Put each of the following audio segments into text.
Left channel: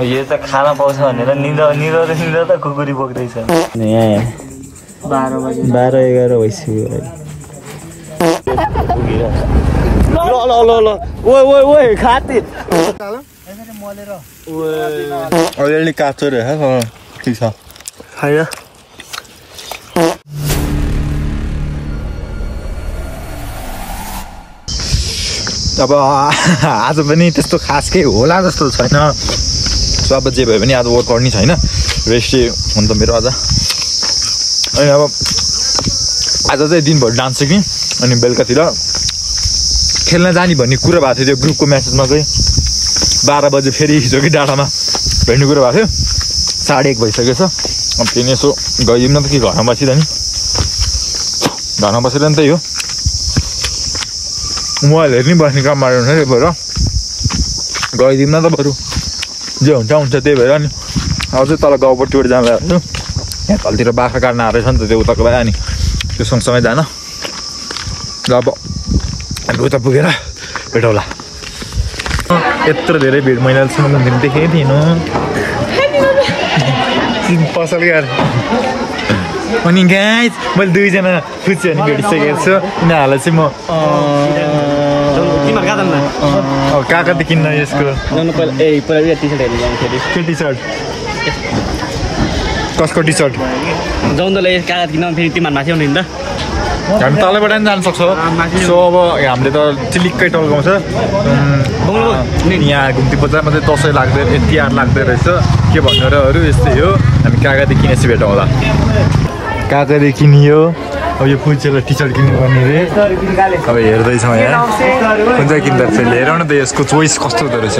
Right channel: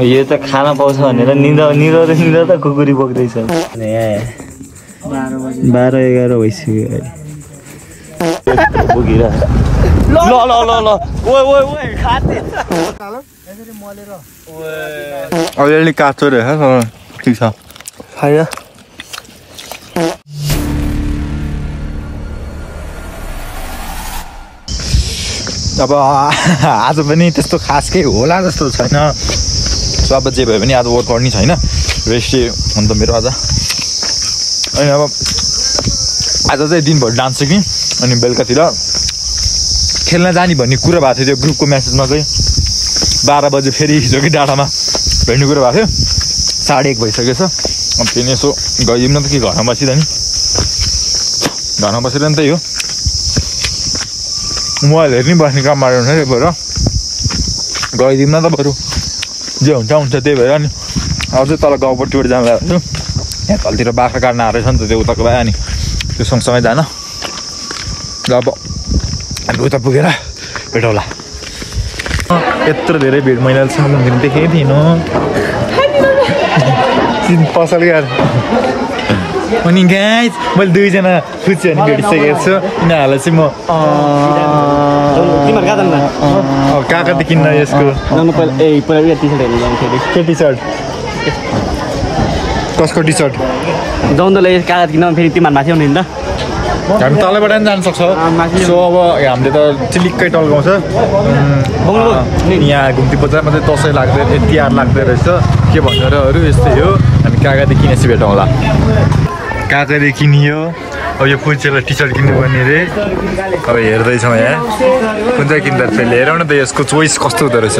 यो त खाना पाउँछ भनेर निदा त कुकुरी बोक्दैछ। 12-11 भइसक्यो ल ओइ खाती अलिअलि काँचो रहेछ ठिक छ खायो। अब आज पनि त्यस्तो खास केही होला जस्तो छैन। सो अब जे भए पनि आज वर्कआउट नि छैन, रेस्टै हो नि त मेरो आज। अनि अब आज चाहिँ दिनभरि डान्स सिक्ने अनि बेलुकातिर खेल्न जाने भन्ने कुरा भएको थियो। त्यो ग्रुपको म्यासेजमा चाहिँ 12 बजे फेरि हिजो कि डाँडामा भेट्ने कुरा भएको थियो। 1:30 भइसकेछ। अब फेरि यसो गइदिउँ न त कि घरमा बसिरह नि, घरमा बसेर नि त यो मोबाइल हेर्ने बस्ने काम मार्नु त्यही भएर गइदिउँ न त बरु जे हुन्छ त्यही भएर। अनि अब चाहिँ तल गाउँपट्टिबाट जान लागेको छु। यहाँ तलतिर बाख्रा काट्न आएको रहेछ नि त त्यो उताको भए, अनि त्यो सँगसँगै जान। र अब हामी उता पुगेर भेटौँला। यत्रो धेरै भिड मैले अहिलेसम्म देखेको थिइनँ पसल यार। अनि गाइस मैले 2जना खुसीहरू भेटिसकेको छु। यिनीहरूलाई चाहिँ म काका त किन्न यसको के टी सर्ट कसको टी सर्ट हामी तलैबाट पनि जान सक्छौँ। सो अब हामीले त चिलिक्कै टल्काउँछ। यहाँ घुम्ती बजारमा चाहिँ दसैँ लाग्दै तिहार लाग्दै रहेछ के भन्नु र अरू यस्तै हो। हामी काकादेखि किनेपछि भेटौँला। काकाले किनियो। अब यो पुल्चेलाई टी सर्ट किन्नुपर्ने रे। अब हेर्दैछौँ यहाँ कुन चाहिँ किन्दा रहेछ। हेरौँ न त यसको चोइस कस्तो हुँदो रहेछ।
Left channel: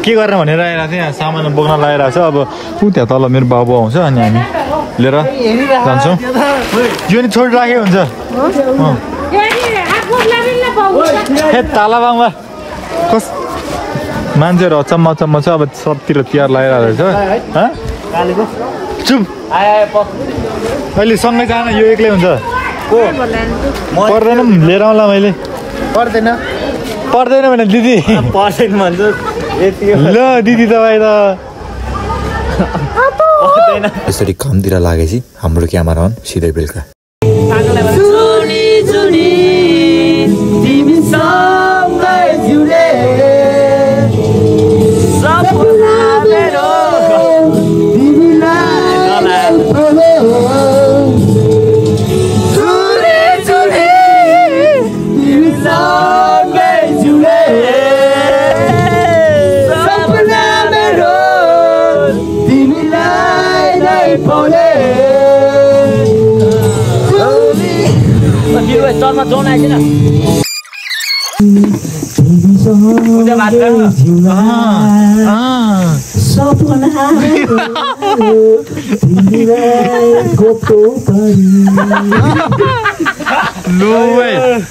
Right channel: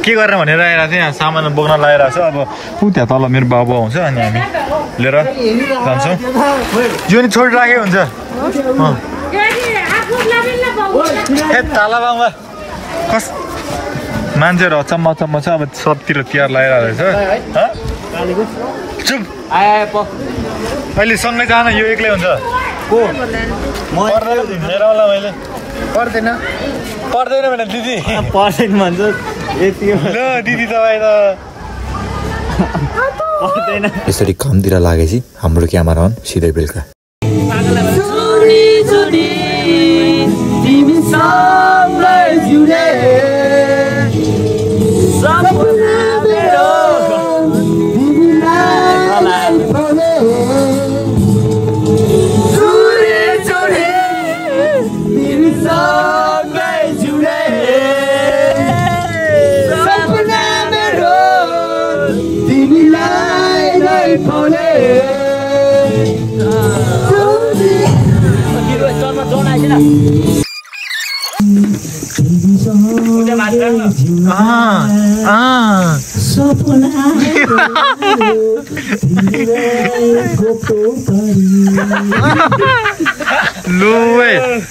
के गरेर भनेर आइरहेको थियो। यहाँ सामान बोक्न लगाइरहेको छ। अब ऊ त्यहाँ तल मेरो बाबु आउँछ अनि हामी लिएर जान्छौँ। यो नि छोडिराख्यो हुन्छ। तालाबाङमा कस मान्छेहरू अचम्म छ। अब सबतिर तिहार लगाइरहेको रहेछ। चुप अहिले सँगै जान, यो एक्लै हुन्छ। पर्दैन नि लिएर आउँला मैले। पर्दैन भने दिदी पर्दैन भन्छ। ल दिदी तपाईँ त यसरी कामतिर लागेपछि हाम्रो क्यामेरा अन सिधै बेलुका।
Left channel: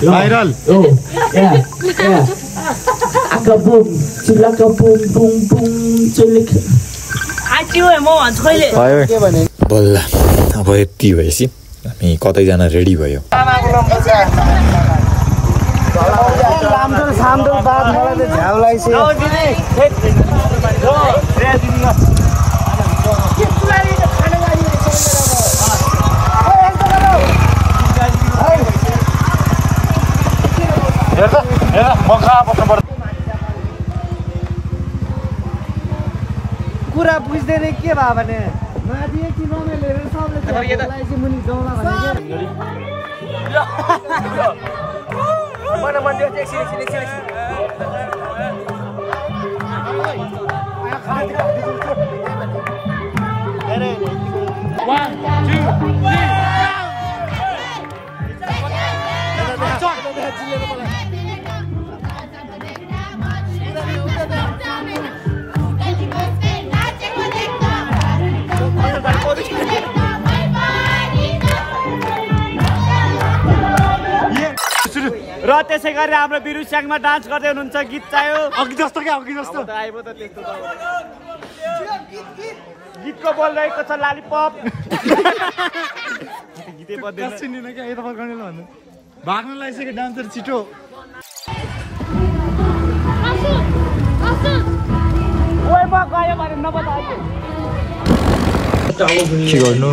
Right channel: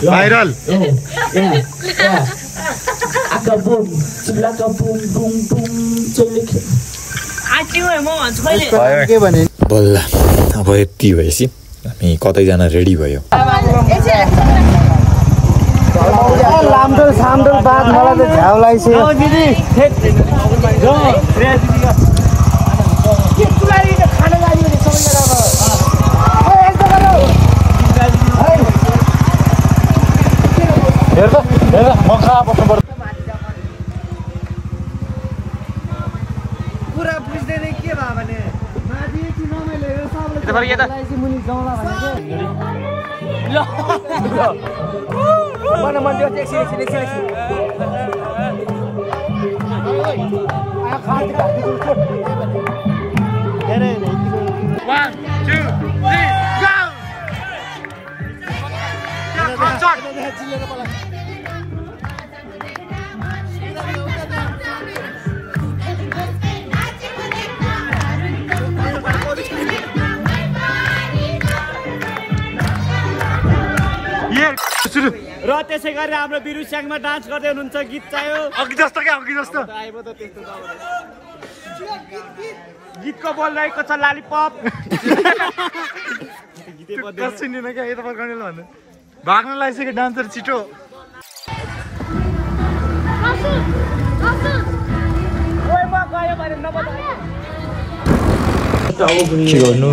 भाइरल बल्ल अब यति भएपछि हामी कतै जान रेडी भयो। लामडोल सामडोल बाद मलाई त झ्याउ लाग्यो। कुरा बुझ्दैन के भयो भने माथि कि नमेले सबले चाहिँ मुनि जाउँला भनेको। र त्यसै गरी हाम्रो बिरु स्याङमा डान्स गर्दै हुनुहुन्छ। गीत चाहियो अघि जस्तो क्या अघि जस्तो आइबो त त्यस्तो गीतको बोल रहेको छ लालीपप। गीतै बज्दैन सुन्दिन क्या यता फर्काउनेले भन्नु भाग्न लागिसक्यो डान्सर छिटो। ओइ म गरे के गर्नु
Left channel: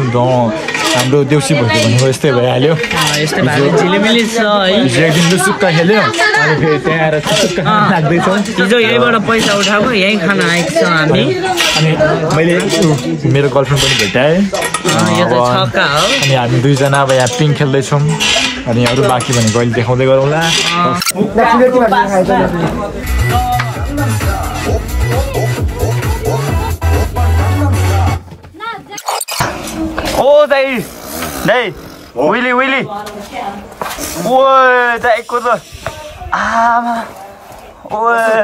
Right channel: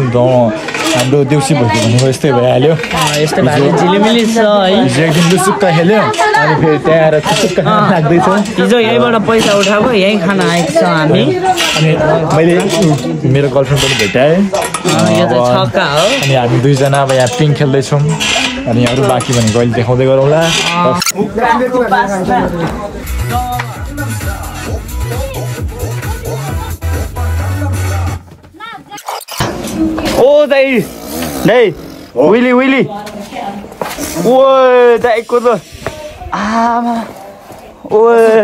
हाम्रो देउसी भइदियो भनेको यस्तै भइहाल्यो यस्तै भयो झिलिमिली छ है हिजो एकदिन लुसुक्का खेल्यो अनि फेरि त्यहाँ आएर चुचुक्का लाग्दैछौँ हिजो यहीँबाट पैसा उठाएको यहीँ खाना आएको छ हामी अनि मैले मेरो गर्लफ्रेन्ड पनि भेटाएँ यो त छक्का हो अनि हामी दुईजना अब यहाँ पिङ खेल्दैछौँ अनि अरू बाँकी भनेको अहिले देखाउँदै गरौँला ओ दाइ विली विली ओ दाइको त आमा ओ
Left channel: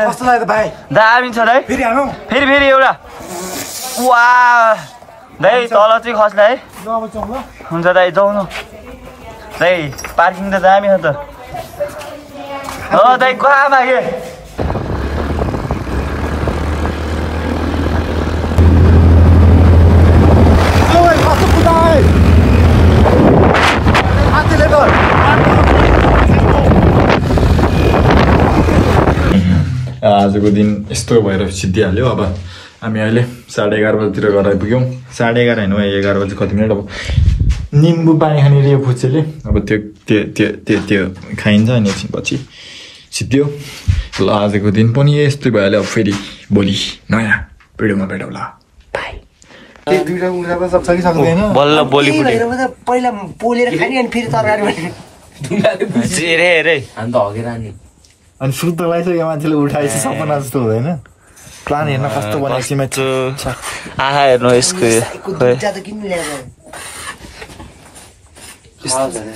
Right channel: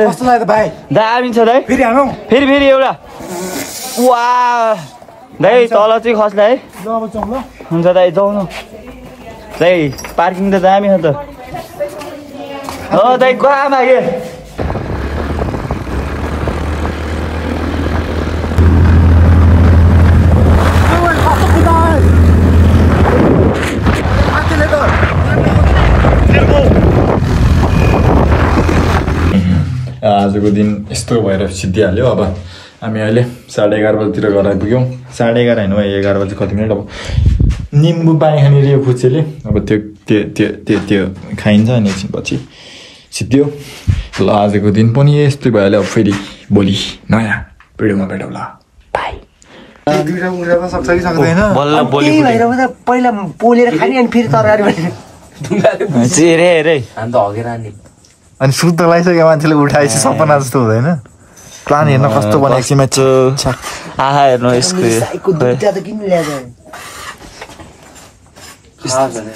कस्तो लाग्यो भाइ दामी छ दाइ फेरि हालौँ फेरि एउटा वा दाइ तल चाहिँ खस्ला है हुन्छ दाइ जाउँ न दाइ पार्किङ त दामी छ त दाइ कहाँ मागे आजको दिन यस्तो भएर सिद्धिहाल्यो अब हामी अहिले 11:30 बजीतिर घर आइपुग्यौँ 11:30 होइन 11 बजी कति मिनट अब निम्बु पानी खाने रे फुच्चेले अब त्यो खाइन्छ अनि एकछिनपछि सिद्धियो ल आजको दिन पनि यस्तै भइहाल्यो अब फेरि भोलि नयाँ भिडियोमा भेटौँला बाई बल्ल बोली पहिला पोलेर खाने अनि फेरि तरकारी अनि सुत्न लागिसक्यो मान्छेले उठाएपछि सपना जस्तो हुँदैन प्लान हेर्न कस्तो बनाएको म्याच आहा हेर्नु यसको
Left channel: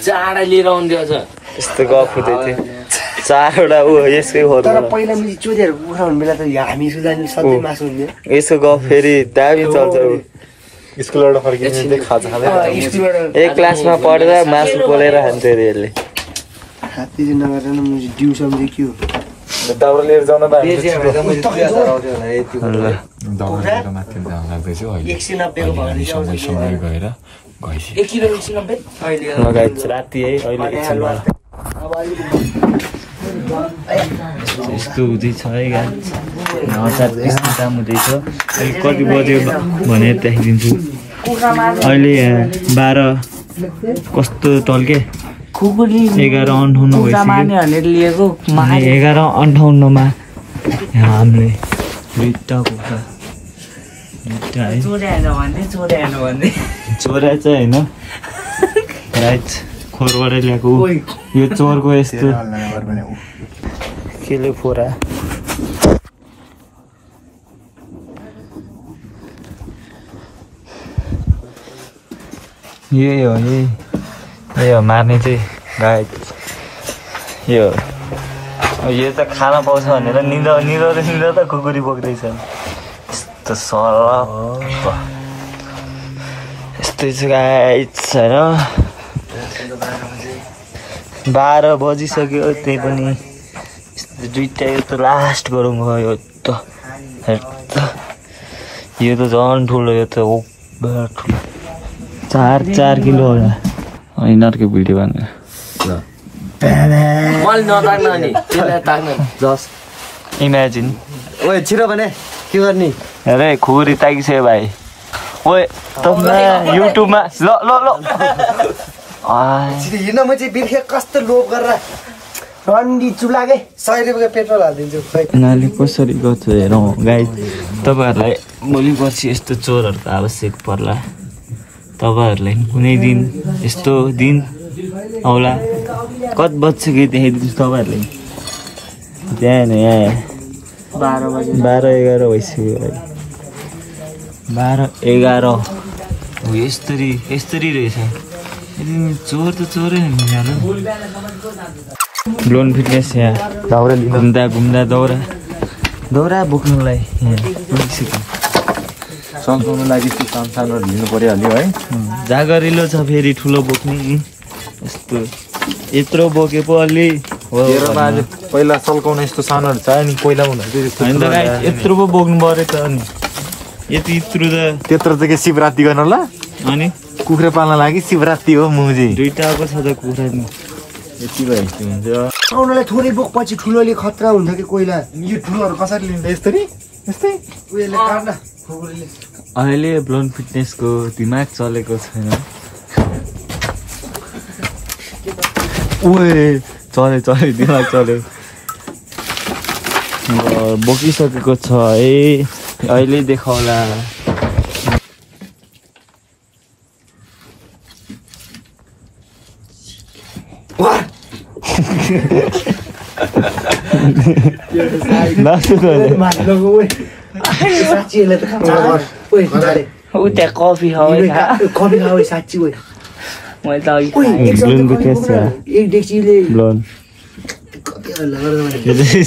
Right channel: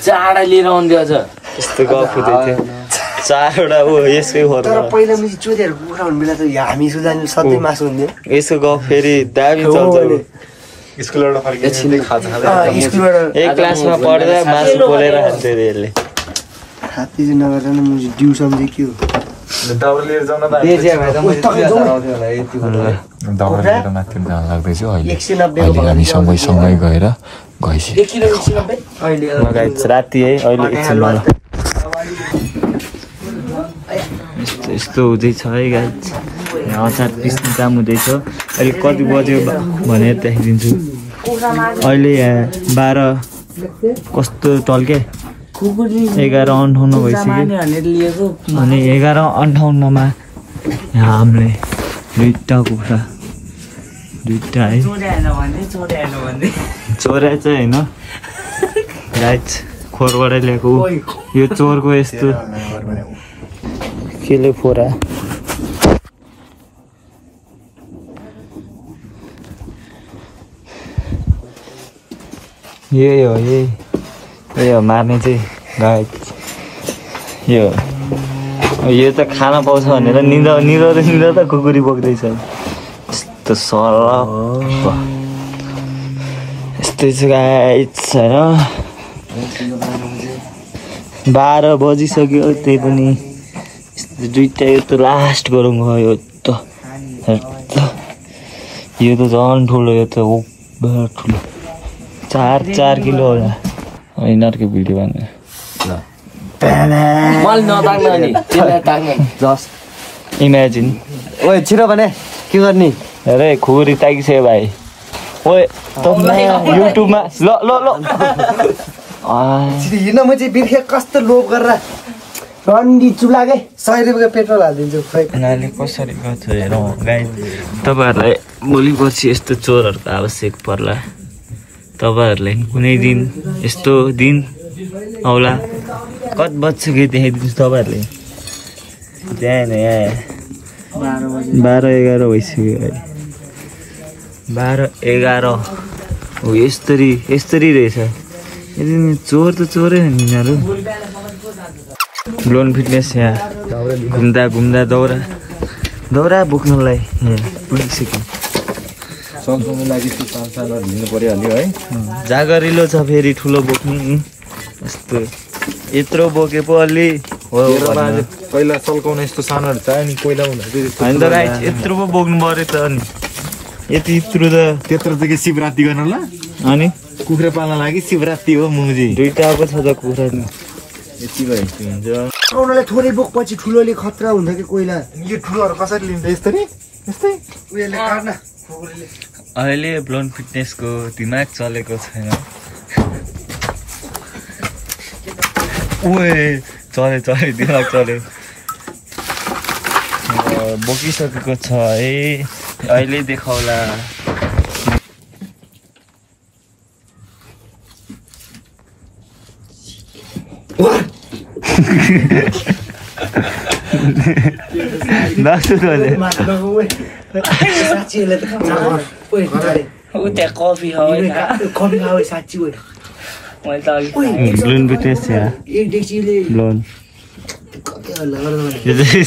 चाँडा लिएर आउँदै छ यस्तो गफ हुँदै थियो 4वटा ऊ यसकै तर पहिला मैले चोरीहरू उठाउनु बेला त हामी सुधार्नु सधैँ मासु हुन्थ्यो यसको गफ फेरि दामी चल्छ एक क्लासमा पढ्दा मासु पोलेर खान्थ्यो अरे यसले हात्ती चाहिँ नगरेर मैले डिउ सम्झेँ के हो दाउरा लिएर जाउन त दाउरा लिएर माथि जान लाग्दैछ अहिले हामी सँगै गएर लगाइछ राति है अहिले एकछिनमा यस्तो हुँदैछ है गाइस हतार त्यस्तो काम हुँदैछ अहिले कति बज्यो भनेर देखाइदिन्छु अहिले 12 कस्तो टल्के 11:58 भइसक्यो अनि 11:58 मा हामीले दुईटा है चोरा चाहिँ होइन खोरबाट ल्याएको यो चोरको यस्तो केले फोरा यही हो मार्ने चाहिँ गाइस यो त खाना पाउँछ भनेर निदाउँदा त कुकुरी बोक्दैछ यस्तो सरल यस्तै छ गाइस होइन 12 बजिसक्यो त्यही पनि दुईटा यो त लास्ट गरौँ यो त झन् ठुलो यो त ठुलो 4 किलो यिनीहरूको भिडियो बनाएर जस्ट इमेजिन ओए छिटो भने के गर्ने अरे खुकुरी ताकिसक्यो भाइ ओए युट्युबमा हिँड्न म चाहिँ बिर्खे कस्तो लोभ गरेर रन्डी चुलागे 100 रुपियाँ पेट्रोल हालिदिन्छु यिनीहरूले कसरी गर्छ हेरौँ गाई तपाईँहरूलाई भोलि पछि यस्तो चोरहरूको आवश्यक पर्ला तपाईँहरूलाई कुनै दिन यस्तो दिन आउला कति बज्छ कि देखाइदिन्छु तपाईँहरूलाई बिहान यहाँ 12-11 भइसक्यो अहिले 12-11 हो यस्तरी रहेछ चोर त चोरै यिनीहरू ब्लोन फिटनेस यहाँ घुम्दा दौरा बोक्नलाई यहाँ पुगिसक्यो सम्झाउनु लागि सानो लिनु परिहाल्यो है जागरिलो छ फेरि ठुलो बोक्ने यस्तो यत्रो बोके पो अलि पहिला सल्काउने यस्तो सानोहरू छ नि कोइला होइन त गाई यत्रो पो बोक्नु पऱ्यो त अनि यत्रो त्यत्रो त के शिवरात्रि गर्न ल अनि कुखुरा पाल्न लागि शिवरात्रि हो मुजी दुईटा पो छ त कुखुरा नि यति भइसक्यो हुन्छ थोरै बोक पछि ठुलोले खतरा हुन्छ कि कोइला यो ठुलोहरू कसरी लिन्छ यसरी यस्तै अहिले ब्लोन फिटनेसको दिमाग चलेको छैन चले दिमाग चल्यो बोकिसकेको छ है अहिले देखाउला कफी खाऊ साँच्ची ब्लोन फिटनेस एक डेक्चीले ब्लोन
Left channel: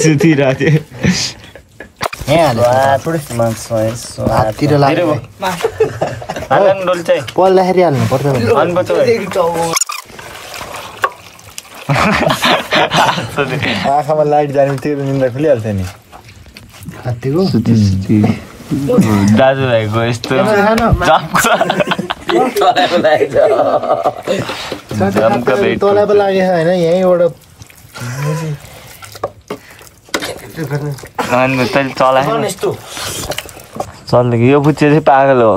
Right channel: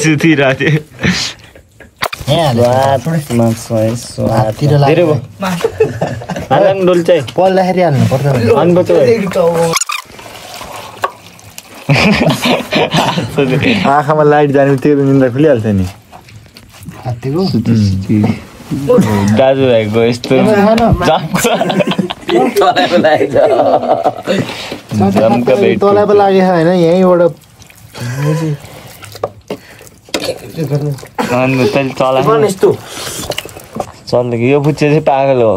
सुतिरहेको पल्दाखेरि हाल्नु पर्छ आँखामा लाइट जाने तेरो निन्द्रा खुलिहाल्छ नि दाजुभाइको यस्तो तँलाई पो लागेको होइन यहीँबाट चल्यो यो बुच्चे चाहिँ पागल हो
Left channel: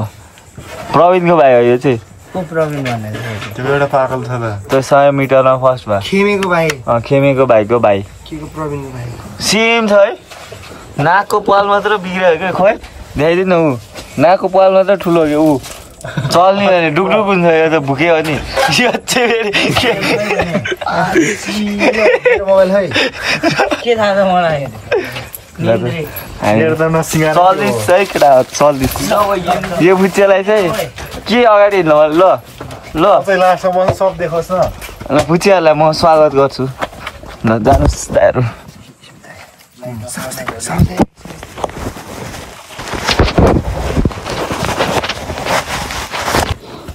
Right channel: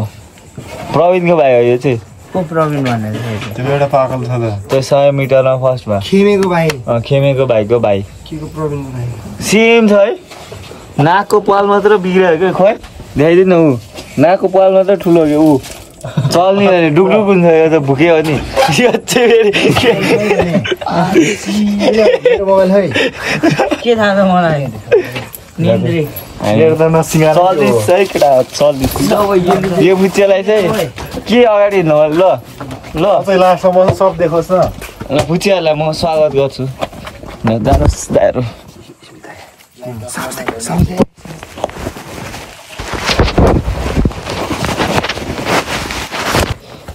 प्रवीणको भाइ हो यो चाहिँ को प्रवीण भनेर त्यो एउटा पागल छ त त्यो 100 मिटरमा फर्स्ट भयो खेमेको भाइ खेमेको भाइको भाइ के को प्रवीण भाइ सेम छ है नाकको पाल मात्र बिग्रियो क्या खोइ देखाइदिनु ऊ नाकको पाल मात्र ठुलो हो ऊ चल्ने डुकडुक हुन्छ यो त भुक्यो नि यो चाहिँ के थाहा छ मलाई यो बुच्चेलाई चाहिँ के अगाडि हिँड्नु ल ल सब देखोस् न बुच्चेहरूलाई म स्वागत गर्छु जानुहोस् दाइहरू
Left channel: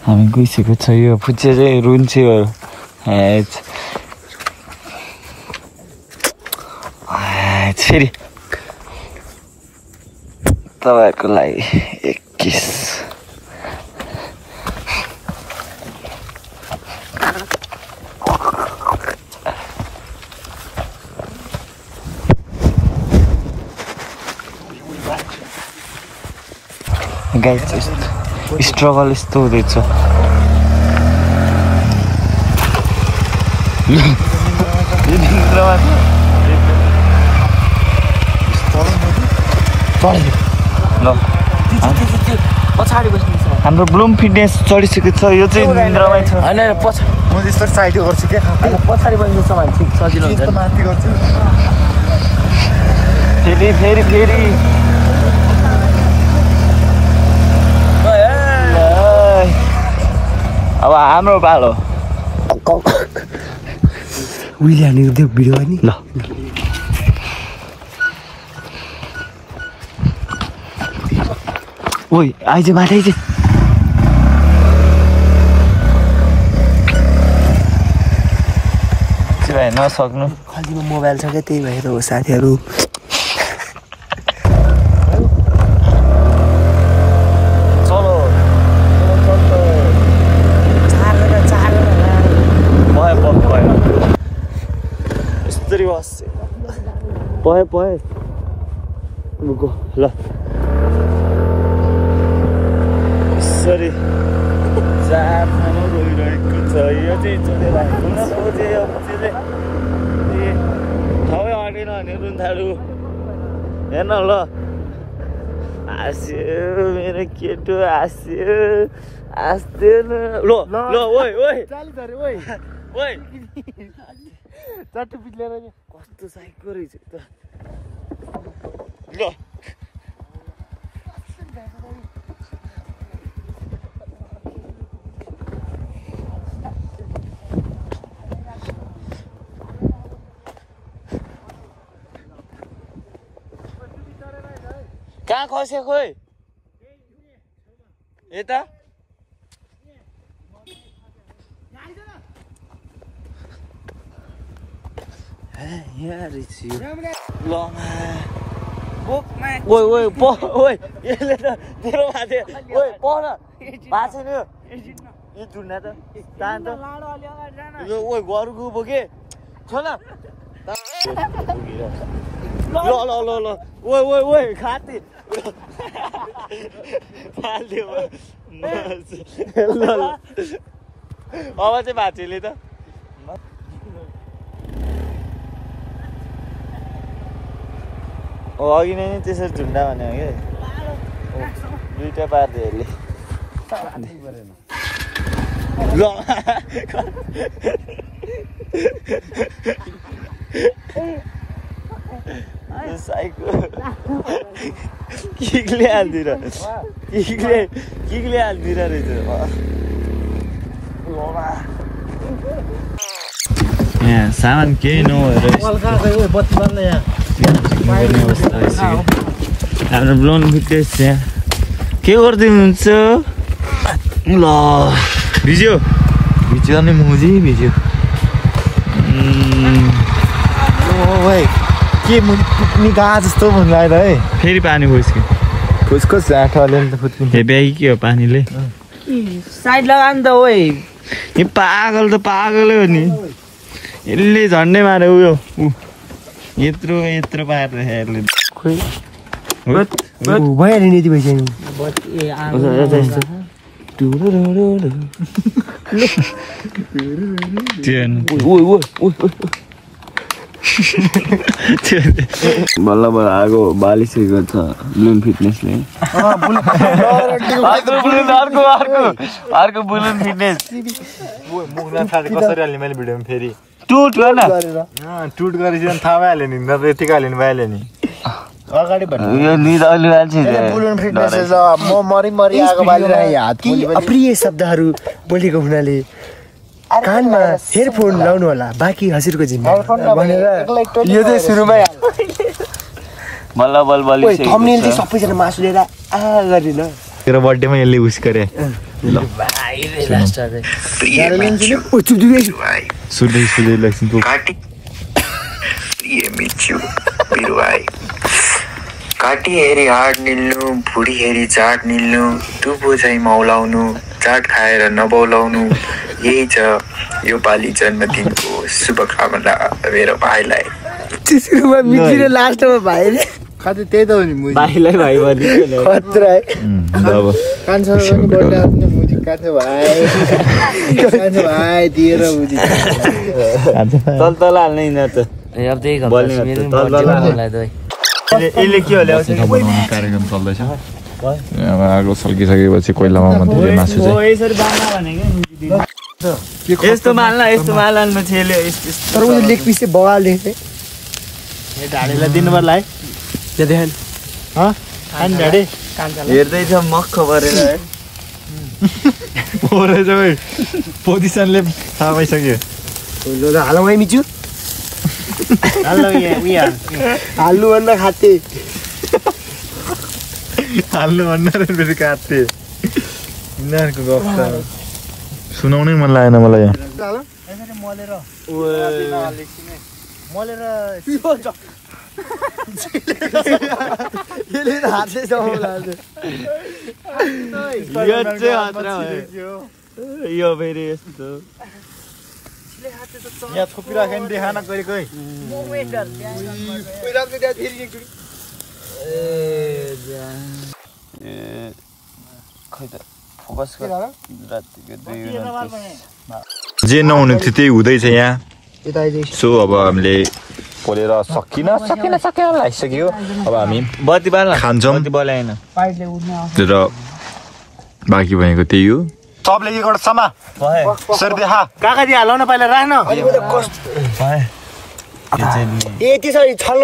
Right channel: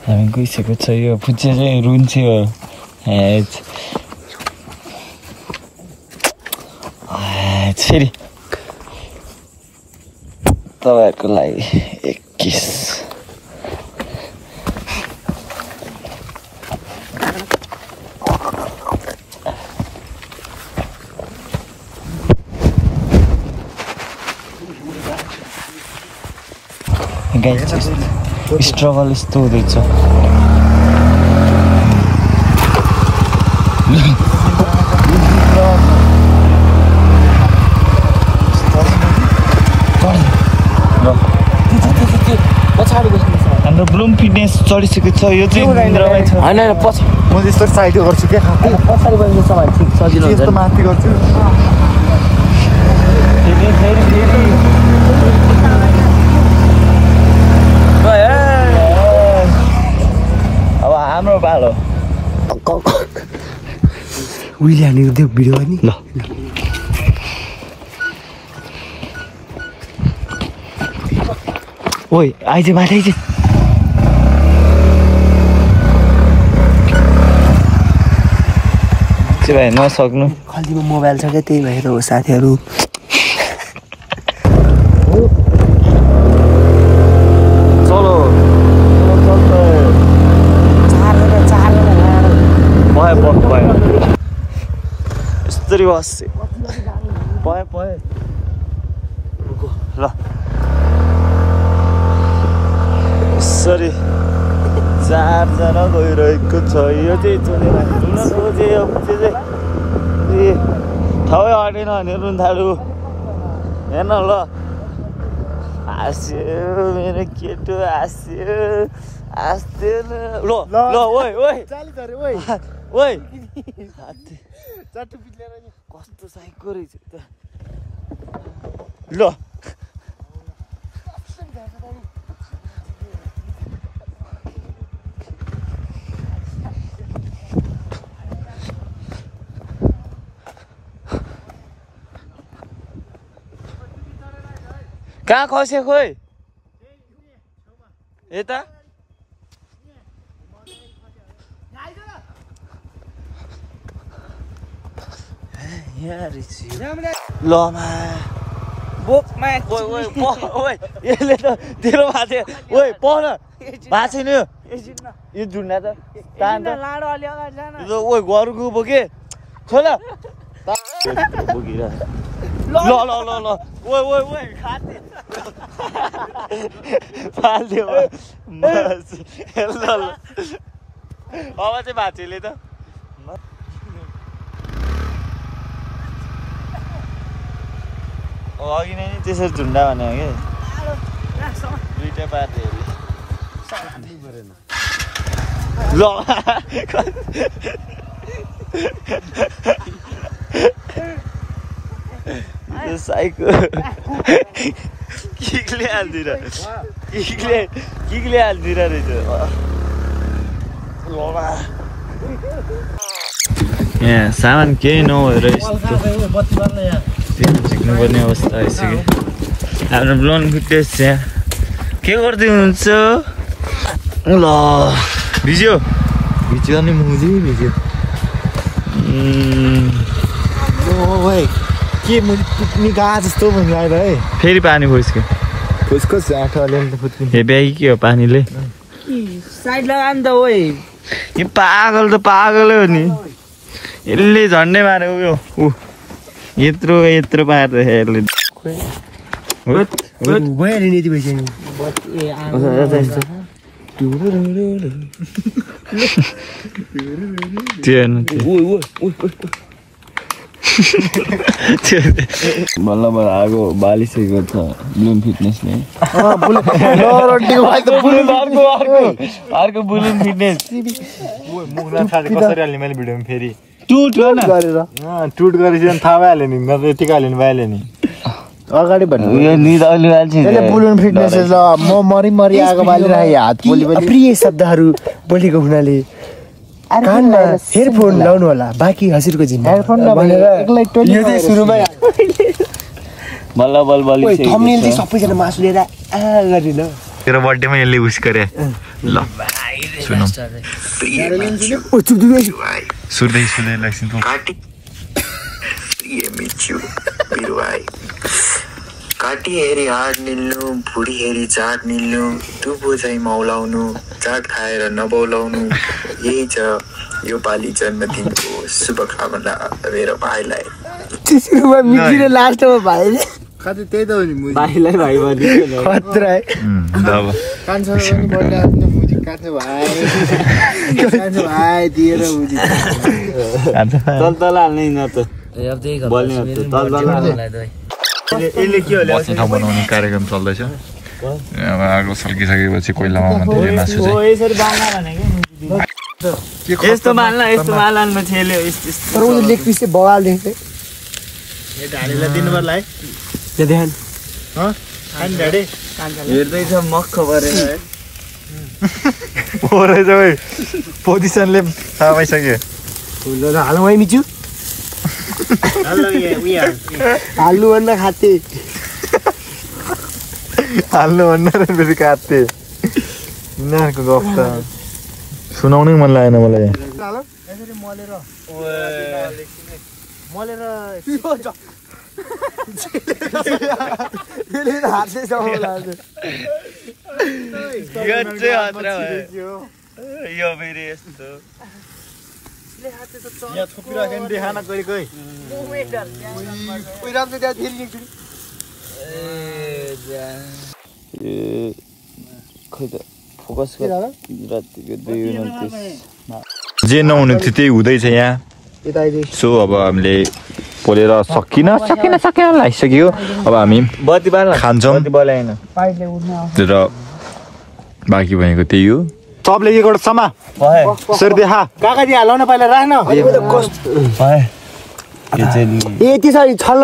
हामी गइसकेको छ यो बुच्चे चाहिँ रुन्चे हो फेरि तपाईँहरूको लागि 21 गाइस स्ट्रगल यस्तो हुँदैछ पछाडि बस्नु हाम्रो ब्लुम फिटनेस चढिसकेको छ यो चाहिँ निन्द्रामै छ होइन म त्यस्तो साइड गर्छु के पछाडि बस्नु छ भने ठिक सजिलो हुन्छ माथि गर्छु फेरि अब हाम्रो पालो उहिले हानेको त्यो भिडियो नि ल ओइ आइज बाटै चाहिँ भाइ नसक्नु खल्तीमा मोबाइल छ क्या त्यही भएर हो साथीहरू यसरी बस भयो ल यसरी 4 जना गइरहेको छ यो चाहिँ चोरेर घुम्न खोजे यो पछि चाहिँ ठाउँ अटेन भने रुन थालु हेर्न ल हाँस्यो मेरो केटो हाँस्यो ल ओइ चट्टु पिट्लेर कस्तो साइको रहेछ त ल कहाँ खसे खोइ यता यहाँ रहेछ ल मा बोकमा ओइ यसले त तेरो माथि ओइ पढ भएको छैन यो जुन्ना त लाडो अलि अगाडि जान ओइ घरको बोके छोला ल ल ल ल ओइ खाती फाल्यो ल अब चाहिँ भाँचेले त अघि नै त्यसरी झुन्डा भने हो कि दुईटा पार्टीहरूले ल साइको किकले हालिदिएर किकले हालिदिएर रहेछ यहाँ सामान केही नभएर झिक्नुपर्ने अवस्था आइसक्यो हाम्रो ब्लोन फिटनेस यहाँ के गर्दै हुनुहुन्छ ल भिज्यो नि मुजी भिज्यो के मुजी फुट्ने गा जस्तो मन लाग्यो है फेरि पानी खोस्क्यो खोज आँखाले त फुट्ने हे ब्याग के हो पानीले साइड लगा नि त ओइ यो पागल त पागलै हो नि यसले झन्डै मारे उयो यत्रो पारेर यसले भयो नि यति भइसक्यो बल्ल बल्ल आगो बालिसकेको छ ब्लुन फिटनेसले अर्को ब्लुन फिटनेस कसरी हाल्ने मैले भिडियोमा फेरि टुट गरेर टुट गरेपछि थाहा भइहाल्यो नि नत्र यतिकै हाल्नु भइहाल्यो नि अगाडि बुलुन फिटनेस म मरि आगो बालिरहेको हात बोली पनि अप्रिय शब्दहरू बोलेको हुनाले कानमा हेडफोन लाउनु होला बाँकी हजुरको जिम्मा भनेर यो चाहिँ सुरुमै बल्ल बल्ल थम्बनेल चाहिँ सबैजना मासु लिएर गरिदिन तेरो बर्थडेमा यसले उस गरे ल सुनौ सुन्दै लैसिन काटी हेरी हाड निल्नु भुडी हेरी चाट निल्नु टुपो चाहिँ मौलाउनु चाट खाएर नबौलाउनु यही छ यो पालि जन्मदिनको शुभकामना मेरो भाइलाई लास्टमा भाइले कतै त्यही त हो नि मुजी भाइलाई भाइ भनि कान्छा पनि बर्थडे आफ्नो मुजी काट्यो भाइ दिएर मुजी तल हाल्ने न त अब त्यही यसले के हो बस्ने ठाउँ बनाउने कार्यक्रम चल्दैछ आगो सल्किसकेपछि कोइलामा मात्रै मासु चाहिँ यस्तो माल्न छेल्यो तर उयो लेग पिस चाहिँ बगाल देख्दै हेर्दैछ मक्ख परेर पोजिसनले थाहा पाइसक्यो हालौँ है मिचु हाल्नुभन्दा खाते हाल्नुभन्दा बेसी काट्थे यिनीहरूको गफ त सुनाउनै मन लागेन मलाई यो फेरि यस्तो यहाँ छोपिराख्यो नि देखा न कहिले कोही जे नहुने थियो त्यही हुँदैछ यहाँ सो अब हामीले पोलेर सकिन लागिसक्यो अब हामी खान्छौँ र बाँकी भएको त्यही हो सबले के गर्छ समा सर देखा काका दिए हालौ न पहिला राख्न ए त्यसरी छल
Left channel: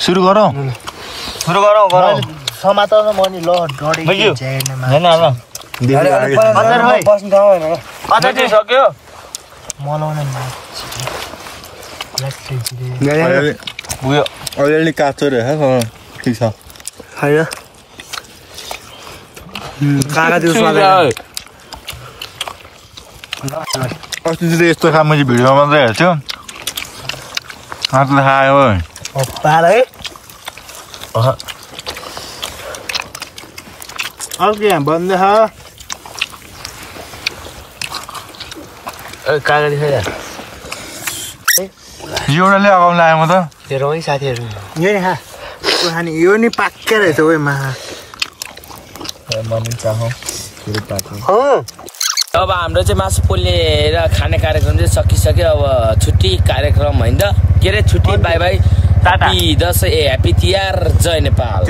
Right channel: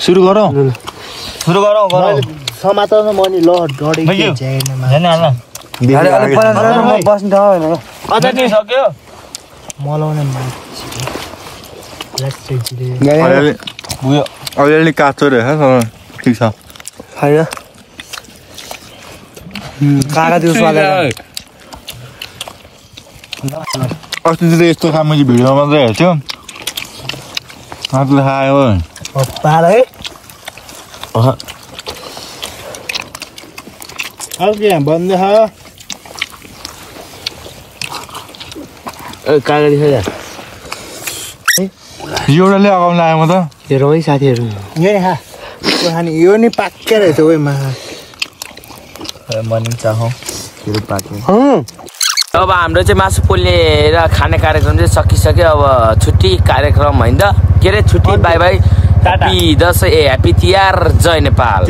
सुरु गरौँ समाताउन मनी ल डढेको बस्नु सक्यो अलिअलि काँचो रहेछ ठिक छ होइन काका दिउँछ अस्ति चाहिँ यस्तो खा मैले भिडियोमा मात्रै हेर्थ्यो हातले खायो है अर्को यहाँ बन्द काका एउटाले अगाउन आयो म त हेरौँ है साथीहरू खाने यो नि पाक्कै रहेछ ओइ मा मनी चाहौ अब हाम्रो चाहिँ मासु पोलेर खाने कार्यक्रम चाहिँ सकिसक्यो अब छुट्टी कार्यक्रम होइन त के अरे छुट्टी bye bye happy Dashain happy Tihar जय नेपाल।